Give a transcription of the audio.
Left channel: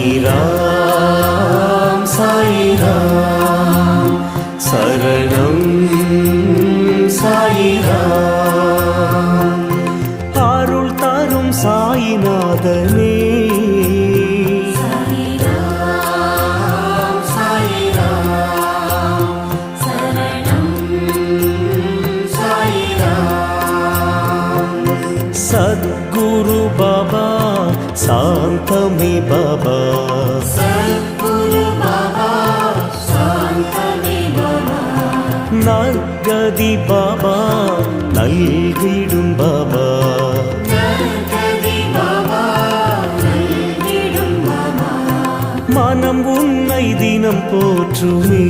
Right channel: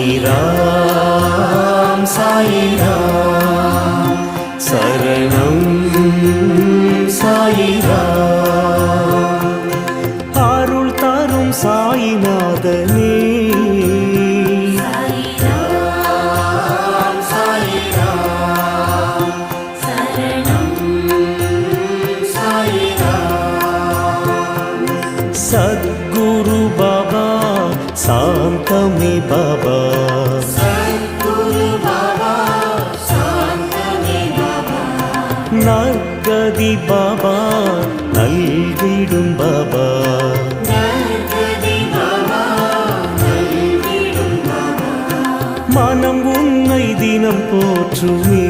சாயிராம் சாயிராம் சரணம் சாயிராம் அருள் தரும் சாயிநாதனே सद्गुरु बाबा शांतमे बाबा नर्गदि बाबा नल्गिडुम बाबा मनम उन्नै दिनम पोற்றுமே